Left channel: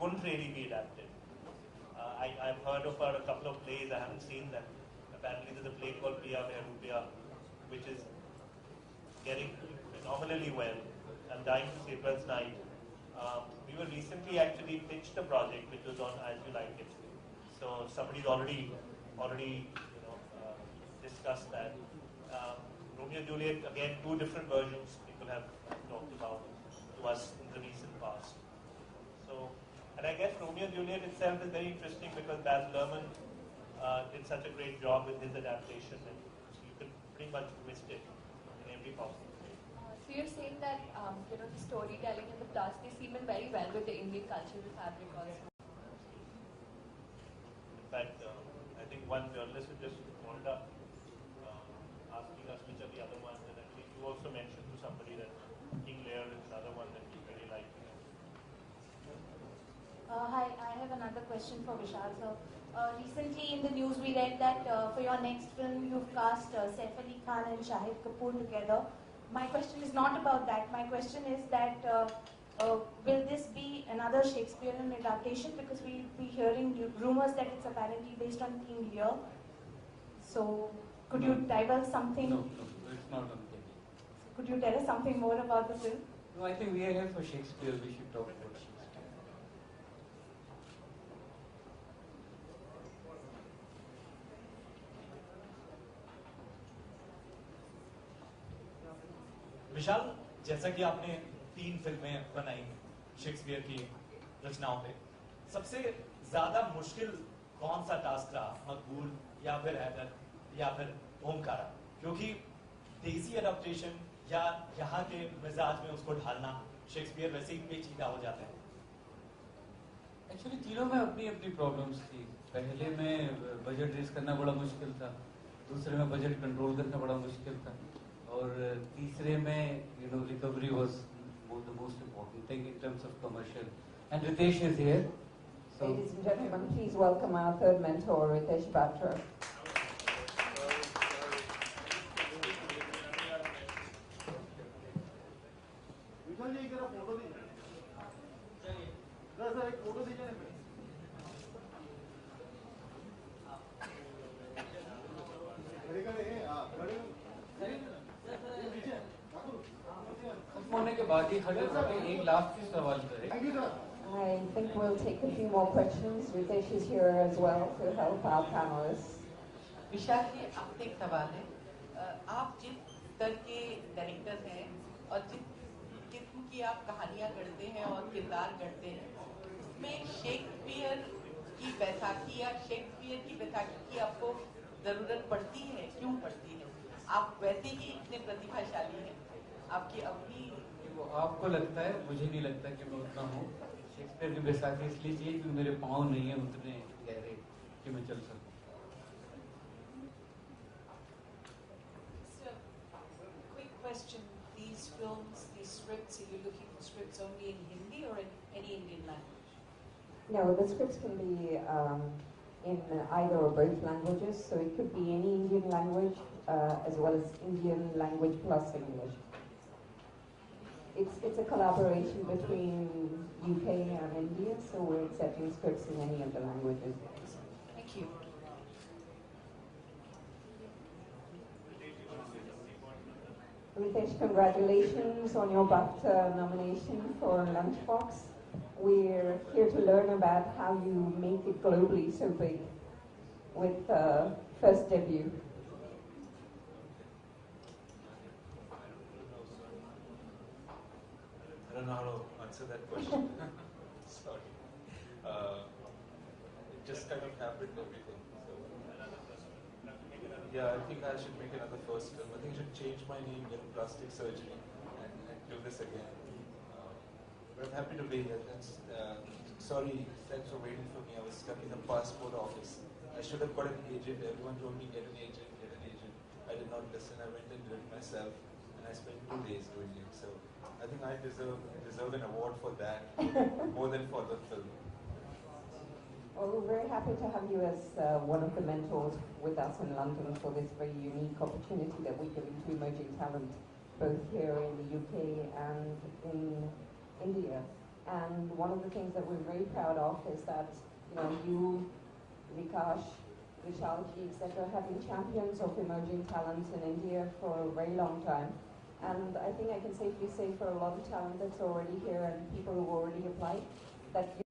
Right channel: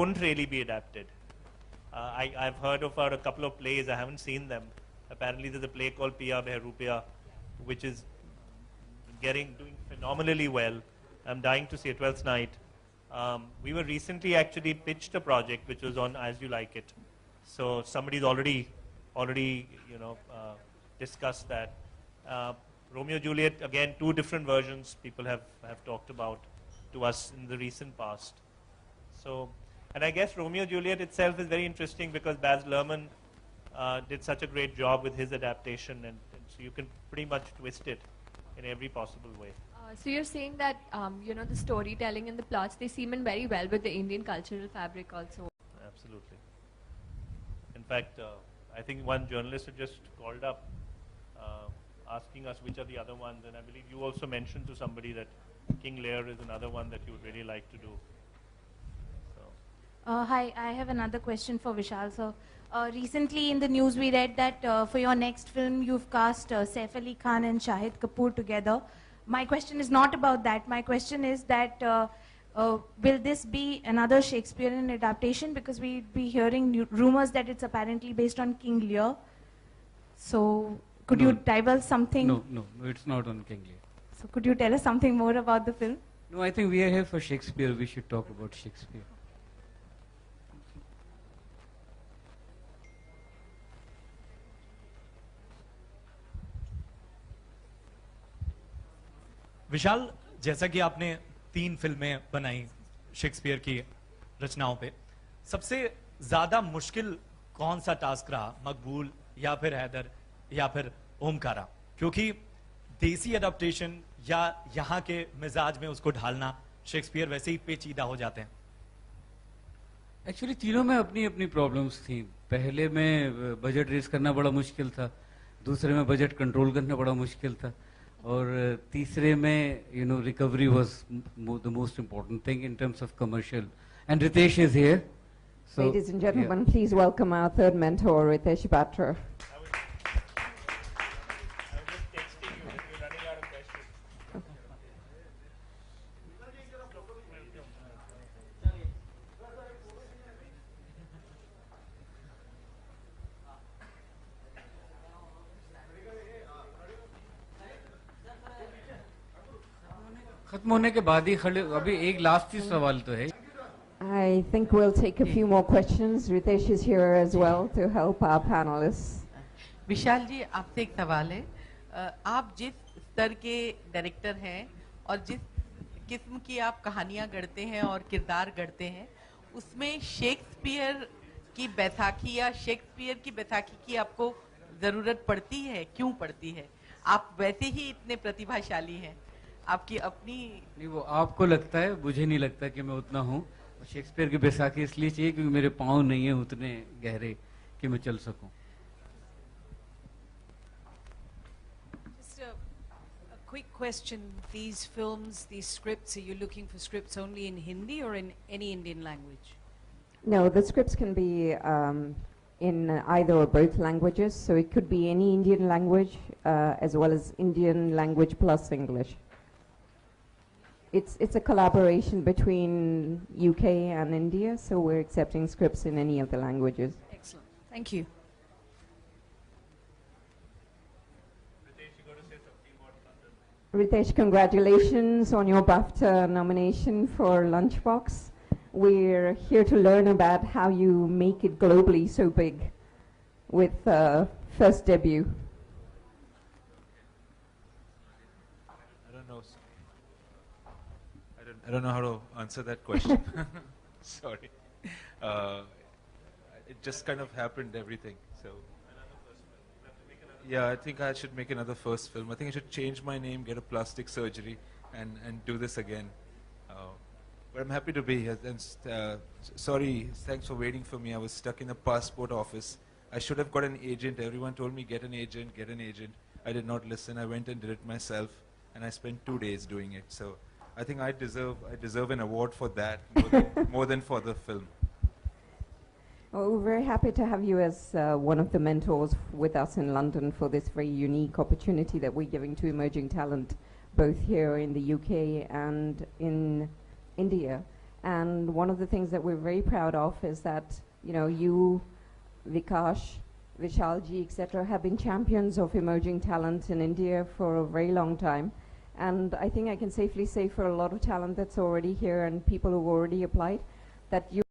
couldn't really be adapted. I've heard of a couple of plays. I haven't seen them. Apparently, there's a play called Piya Behrupiya, which is doing phenomenally well. I'm dying to see it. 12th Night. We were recently actually pitched a project which was on As You Like It. So somebody's already discussed that. Romeo Juliet, again, two different versions people have talked about to us in the recent past. So, and I guess Romeo Juliet itself is very interesting because Baz Luhrmann did such a great job with his adaptation, and so you can pretty much twist it in every possible way. So you're saying that the storytelling and the plots, they seem in very well with the Indian cultural fabric also. Absolutely. In fact, I think one journalist had just called up asking us which are the other ones, and I believe you also mentioned to somebody that King Lear is another one that you would really like to do. Hi, I have another question for Vishal sir. Recently in the news we read that for your next film you've cast Saif Ali Khan and Shahid Kapoor together. My question is not about that. My question is that will this be another Shakespearean adaptation? Because we'd be hearing rumors that it's apparently based on King Lear. So could you divulge something? No, it's not on King Lear. So could you tell us something more about the film? No, I think we are here for Shakespeare. We should talk about Shakespeare. विशाल, जैसा कि आपने 3 फिल्में बनाई Shakespeare की रचनाओं पे, सबसे ज्यादा मुश्किल कौन सा टास्क रहा? मकबूल या फिर हैदर या फिर ओमकारा? क्योंकि देसी अडॉप्टेशन या यहाँ के मिजाज में उसको ढालना, शेक्सपियर वैसे ही पेचीदा हो जाते हैं। एक्चुअली तीनों में अपनी अपनी प्रॉब्लम्स थी। पहले में बजट रेस करना बड़ा मुश्किल था, दूसरे में बजट कंट्रोल करना बड़ा मुश्किल था, और तीसरे में recovery was the most important thing in terms of commercial. And Ritesh is here. Ladies and gentlemen, please welcome our third mentor, Ritesh Batra. खत्म होने के बाद ही खड़े, अभी एक लास्ट ही सवाल तो है। I think we'll take a few more questions. Ritesh is here as well to help our panelists. विशाल जी, आपसे एक सवाल है। आप जिस स्तर के डायरेक्टर हैं और जिस किस्म की आप कहानियां गढ़ते हैं और किरदार गढ़ते हैं, उसमें शेक्सपियर की बैसाखी या शेक्सपियर की बैसाखी की आपको ज़रूरत पड़ती है? क्यों पड़ती है? आप वैसे ही इतने प्रतिभाशाली हैं, आपकी अपनी। नहीं, वो आपको लगता है, मुझे नहीं लगता कि मैं उतना हूँ। शेक्सपियर की बैसाखी इसलिए चाहिए क्योंकि मेरे पाँव नहीं है उतने गहरे कि मैं चल सकूं। Just a quick question. These films, these scripts, are you looking for scripts only in Hindi or in any Indian language? No, the scripts can be in either or both languages, so it could be any Indian language as well as Indian language plus English. It's a collaboration between UK and India, so we're accepting scripts in any of the languages. Excellent. Thank you. Ritesh, congratulations on your BAFTA nomination for Lunchbox. We're here to learn about how you make it globally so big with first debut. I don't know how to answer that question. Sorry. It just kind of happened, everything. So, yeah, I think I should make another first film. I think I should change my name, get a plastic surgery, and do this again. But I'm happy to be here. And, sorry, thanks for waiting for me. I was stuck in the passport office. I should have got an agent. Everyone told me, get an agent, get an agent. I did not listen. I went and did it myself, and I spent 2 days doing it. So I think I deserve an award for that more than for the film. Well, we're very happy to have you as one of the mentors with us in London for this very unique opportunity that we're giving to emerging talent, both here in the UK and in India. And one of the things that we're very proud of is that, you know, you, Vikash, Vishalji, etc., have been champions of emerging talent in India for a very long time. And I think I can safely say for a lot of talent that's already here and people who've already applied, that you